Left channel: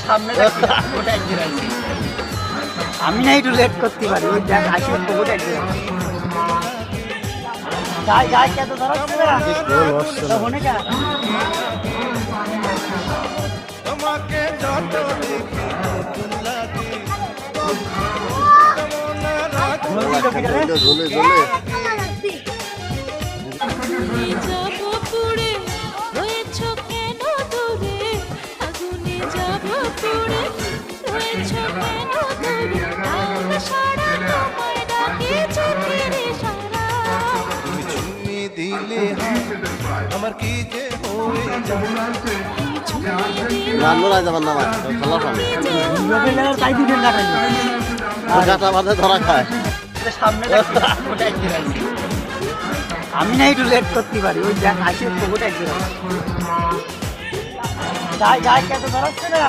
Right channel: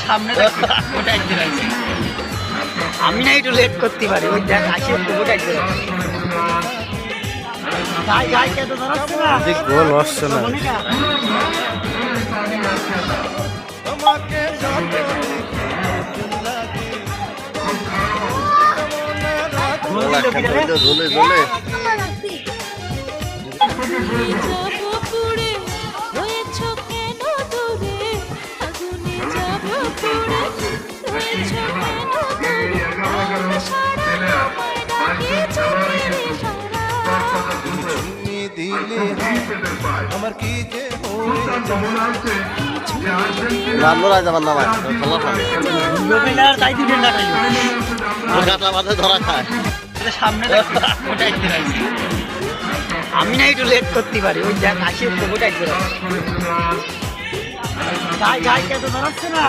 সামনে আমি না একটু লেট করতে পারি ওই দেখ আসে ওটা যাই যাই কত ধরাচ্ছে গোল হচ্ছে না। তোমাকে যত দেখি নতুন লাগে ঝোলে ঝোলে তুমি চুমি দিলে আমার কি যে হয়ে যায় রান্নার আজ আমার নামায় খেলা খাবে তাই দিবেন না গাটা বাঁধে ধরা খায়। সামনে আমি না একটু লেট করতে পারি ওই দেখ আসে ওটা যাই যাই কত ধরাচ্ছে না